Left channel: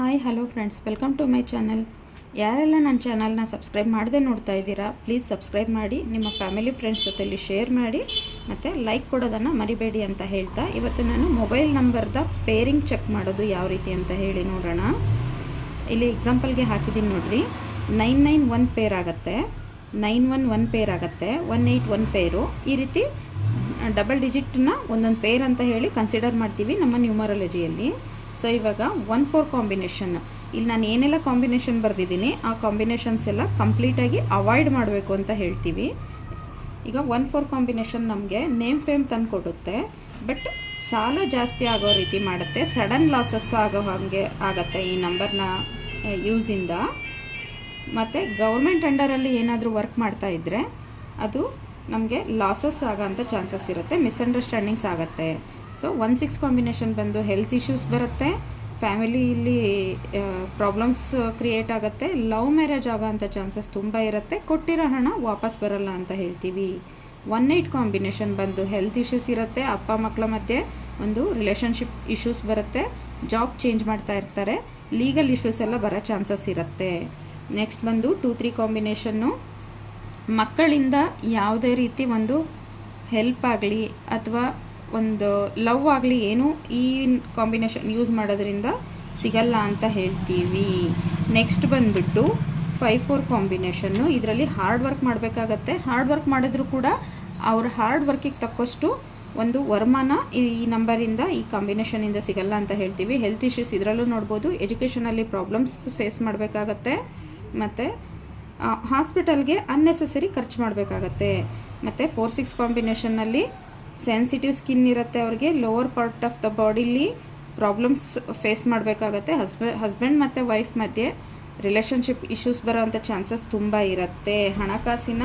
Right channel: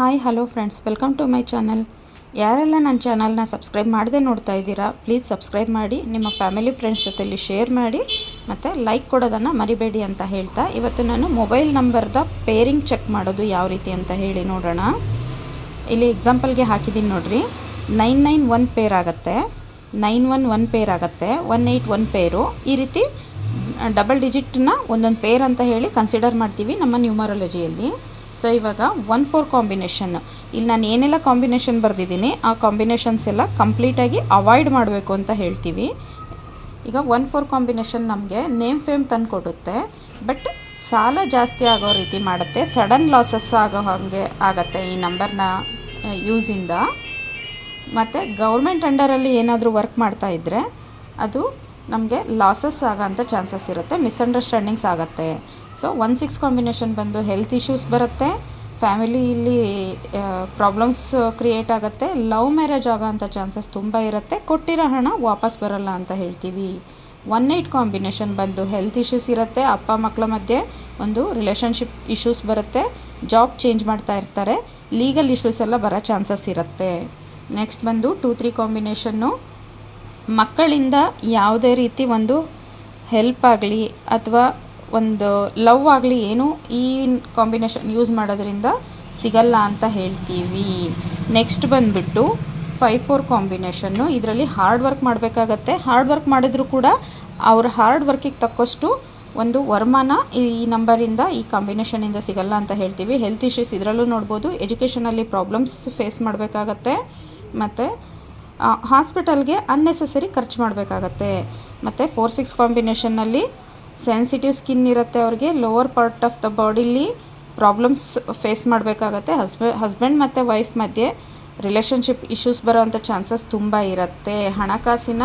Hi hello friends, welcome to my channel. ಯಾರೆಲ್ಲ ನನ್ನ ಚಾನಲ್ನ ಸಬ್ಸ್ಕ್ರೈಬ್ ಮಾಡದೆ ನೋಡ್ತಾ ಇದ್ದೀರಾ, ಪ್ಲೀಸ್ ಸಬ್ಸ್ಕ್ರೈಬ್ ಮಾಡಿ, ನಿಮ್ಮ ಫ್ಯಾಮಿಲಿ ಫ್ರೆಂಡ್ಸ್ ಜೊತೆಲಿ ಶೇರ್ ಮಾಡಿ ಮತ್ತು ಲೈಕ್ ಕೊಡೋದನ್ನು ಮರಿಬೇಡಿ ಅಂತ ಹೇಳ್ತಾ, ಇವತ್ತು ನಾನು ಮೊಬೈಲ್ ನಂಬರ್ದ ಪೇರಿಂಗ್ ಚೆಕ್ ಮಾಡೋದು ಯಾವ ರೀತಿ ಅಂತ ಹೇಳಿ ನೋಡೋಣ. ಇಲ್ಲಿ ಎಕ್ಸಾಂಪಲ್ಗೆ ಹಾಕಿದ್ದೀನಿ ನೋಡ್ರಿ. 991 ಪೇರ್ ಆಗುತ್ತೆ, 911 ಪೇರ್ ಆಗುತ್ತೆ, 181 ಪೇರು. ಈ ರೀತಿ ಡಬಲ್ ಡಿಜಿಟ್ನ ಒಂದೊಂದು ಪೇರ್ ಅಂತ ಹೇಳಿ ಕನ್ಸಿಡರ್ ಮಾಡ್ತೀವಿ ನಮ್ಮ ನ್ಯೂಮರಾಲಜಿಯಲ್ಲಿ. ಸೊ ಇವಾಗ 1-4 ಕಾಂಬಿನೇಷನ್, ಇಲ್ಲಿ ನಾನು ಏನೆಲ್ಲ ಕಾಂಬಿನೇಷನ್ ಬರೆದಿದ್ದೀನಿ ಆ ಕಾಂಬಿನೇಷನ್ಸ್ ಎಲ್ಲ ಕಂಪ್ಲೀಟಾಗಿ ಅವಾಯ್ಡ್ ಮಾಡಬೇಕು ಅಂತ ಹೇಳ್ತೀವಿ. ಈಗ 1-4 ಕಾಂಬಿನೇಷನ್ ನಮಗೆ ನೇಮ್ ಫೇಮ್ ತಂದು ಕೊಡುತ್ತೆ, ಬಟ್ ಸಾಲ ಜಾಸ್ತಿ ಆಗೋ ರೀತಿ ಮಾಡುತ್ತೆ, ಸಡನ್ ಲಾಸಸ್ ಆಗೋ ಹಾಗೆ ಆಗುತ್ತೆ ಈ ನಂಬರ್ನ ಯೂಸಿಂದ. ಮತ್ತು ಗೌರ್ಮೆಂಟ್ ಅಂಡರಲ್ಲಿ ಏನಾದರೂ ವರ್ಕ್ ಮಾಡ್ತಾ ಇದ್ದರೆ ಅದು ನಮಗೆ ಲಾಸಸ್ ಆಗೋಂಥ ಚಾನ್ಸಸ್ ಇರುತ್ತೆ, ಮಿಸ್ಅಂಡರ್ಸ್ಟ್ಯಾಂಡಿಂಗ್ಸ್ ಆಗುತ್ತೆ. ಸೊ 1-6 ಕಾಂಬಿನೇಷನ್ ಬಂದು ಹೆಲ್ತ್ ಇಶ್ಯೂಸ್ ಬರುತ್ತೆ, ಫ್ಯಾಮಿಲಿಯಲ್ಲಿ ಪ್ರಾಬ್ಲಮ್ಸ್ ಕ್ರಿಯೇಟ್ ಆಗುತ್ತೆ, ಲವ್ ಮ್ಯಾರೇಜ್ ಆಗೋಂಥ ಚಾನ್ಸಸ್ ತುಂಬ ಇರುತ್ತೆ, ಕೊಟ್ಟಿರೋ ಹಣ ವಾಪಸ್ ಬರಲ್ಲ ಅಂತ ಹೇಳ್ತೀವಿ. 1-8 ಕಾಂಬಿನೇಷನ್ ಬಂದು ಹೆಲ್ತ್ ಇಶ್ಯೂಸ್ ಇರುತ್ತೆ, ಅಪ್ಪ ಮಕ್ಕಳ ಮಧ್ಯೆ ಒಂದು ರಿಲೇಷನ್ಶಿಪ್ ಇಶ್ಯೂಸ್ ಬರುತ್ತೆ, ಜಾಬ್ ಚೇಂಜ್ ಮಾಡ್ತಾ ಇರ್ತಾರೆ, ಲೀಗಲ್ ಇಶ್ಯೂಸ್ ಎಲ್ಲ ಬರೋ ಚಾನ್ಸಸ್ ಇರುತ್ತೆ. ನೆಕ್ಸ್ಟ್ ಬಂದು 2-3 ಕಾಂಬಿನೇಷನ್ನು ಮಕ್ಕಳಿಂದ ಯಾವುದೇ ರೀತಿ ಒಂದು ಹೆಲ್ಪ್ ಆಗಲಿ ಅಥವಾ ಒಂದು ಲವ್ ಆಗಲಿ ಏನೂ ಈ ಕಾಂಬಿನೇಷನ್ ಯೂಸ್ ಮಾಡೋದ್ರಿಂದ ಸಿಗಲ್ಲ ಅಂತ ಹೇಳ್ತೀವಿ. ನೆಕ್ಸ್ಟ್ ಬಂದುಬಿಟ್ಟು 5-4 ಕಾಂಬಿನೇಷನ್ನು, ಇದರಲ್ಲಿ ಹಾರ್ಡ್ ವರ್ಕ್ ಮಾಡಬೇಕಾಗತ್ತೆ, ಹಾರ್ಡ್ ವರ್ಕ್ ಮಾಡಿದರೂ ಕೂಡ ಅವ್ರ ಹಾರ್ಡ್ ವರ್ಕಿಗೆ ತಕ್ಕಷ್ಟು ಒಂದು ವರಮಾನ ಈ ನಂಬರಿಂದ ಈ ಕಾಂಬಿನೇಷನಿಂದ ಸಿಗಲ್ಲ ಅಂತ ಹೇಳ್ತೀವಿ. ಹೆಲ್ತ್ ಇಶ್ಯೂಸ್ ಇದರಲ್ಲೂ ನೋಡ್ಬೋದು, ಎಜುಕೇಷನಲ್ಲಿ ಪ್ರಾಬ್ಲಮ್ಸ್ ಫೇಸ್ ಮಾಡಬೇಕಾಗತ್ತೆ, ಮತ್ತು ಹಾಸ್ಪಿಟಲ್ಗೆ ಅನ್ನೆಸೆಸರಿ ಖರ್ಚು ಮಾಡಬೇಕಾಗತ್ತೆ. ಮತ್ತು 4-6 ಕಾಂಬಿನೇಷನ್ನಲ್ಲಿ ಸೆನ್ಸಿಟಿವ್ ಸ್ಕಿನ್ ಇರುತ್ತೆ, ಅವ್ರಿಗೆ ಲೋವರ್ ಪಾರ್ಟ್ ಆಫ್ ದ ಬಾಡಿಲಿ ಪ್ರಾಬ್ಲಮ್ಸ್ ಫೇಸ್ ಮಾಡಬೇಕಾಗತ್ತೆ, ಹಸ್ಬೆಂಡ್ ಮತ್ತು ವೈಫ್ ಮಧ್ಯೆ ರಿಲೇಷನ್ಶಿಪ್ ಇಶ್ಯೂಸ್ ಬರೋವಂಥ ಚಾನ್ಸಸ್ ತುಂಬ ಇರುತ್ತೆ, ಹಣಕಾಸಿನ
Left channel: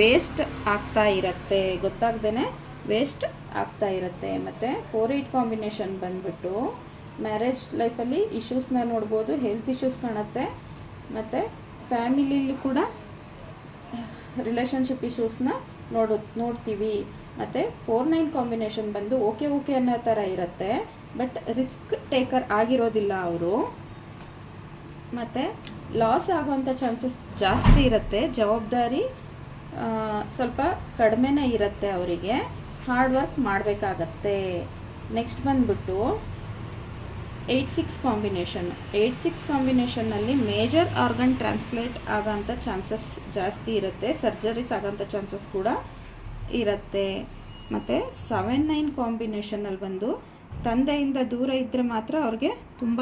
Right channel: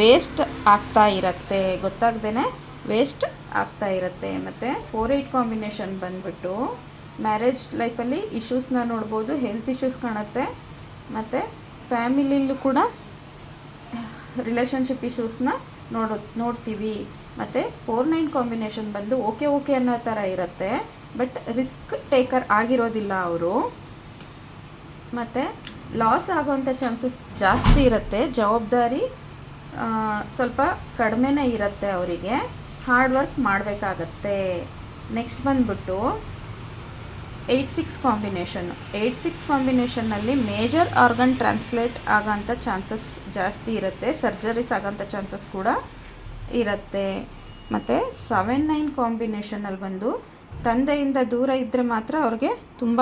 ವೇಸ್ಟ್ ಆಗ್ತಾ ಇರುತ್ತೆ, ಗೊತ್ತಾಗ್ದೇ ವೇಸ್ಟ್ ಆಗ್ತಾ ಇರುತ್ತೆ. ಮತ್ತು 4-8 ಕಾಂಬಿನೇಷನ್ ಬಂದುಬಿಟ್ಟು ಮ್ಯಾರೇಜ್ ಲೈಫಲ್ಲಿ ಇಶ್ಯೂಸ್ನ ನೋಡ್ಬೋದು, ಹೆಲ್ತ್ ಇಶ್ಯೂಸ್ ಕಾಣುತ್ತೆ, ಮತ್ತು ಫ್ಯಾಮಿಲಿಯಲ್ಲೂ ಕೂಡ ರಿಲೇಷನ್ಶಿಪ್ ಇಶ್ಯೂಸ್ನ ನೋಡ್ತೀವಿ. ಮತ್ತು 4-9 ಕಾಂಬಿನೇಷನ್ ಬಂದು ಓಕೆ ಅನ್ನೋ ಥರ ಇರುತ್ತೆ, ಬಟ್ ರಿಸ್ಕ್ ಟೇಕರ್ ಆಗಿರೋದಿಲ್ಲ ಅವರು, ಮತ್ತು ಲಾಸ್ ಆಗೋವಂಥ ಚಾನ್ಸಸ್ ಜಾಸ್ತಿ ಇರುತ್ತೆ, ಜವಾಬ್ದಾರಿ ಸ್ವಲ್ಪ ಕಡಿಮೆನೇ ಇರುತ್ತೆ ಅವರಿಗೆ, ಹಾರ್ಡ್ ವರ್ಕ್ ಮಾಡಬೇಕಾಗತ್ತೆ. ನೆಕ್ಸ್ಟ್ ಬಂದ್ಬಿಟ್ಟು 8-6 ಕಾಂಬಿನೇಷನ್ನು. 8-6 ಕಾಂಬಿನೇಷನ್ನಲ್ಲಿ ಮೇಜರ್ ಆರ್ಗನ್ ಟ್ರಾನ್ಸ್ಲೇಟ್ ಆಗೋಂಥ ಚಾನ್ಸಸ್ ಜಾಸ್ತಿ ಇರುತ್ತೆ, ಸರ್ಜರೀಸ್ ಆಗೋಂಥ ಚಾನ್ಸಸ್ ಕೂಡ ಇರುತ್ತೆ. ಮತ್ತು 7-9 ಕಾಂಬಿನೇಷನಲ್ಲಿ ಬಂದು ತಂದೆಯಿಂದ ದೂರ ಇದ್ದರೆ ಮಾತ್ರ ಅವ್ರಿಗೆ ತುಂಬ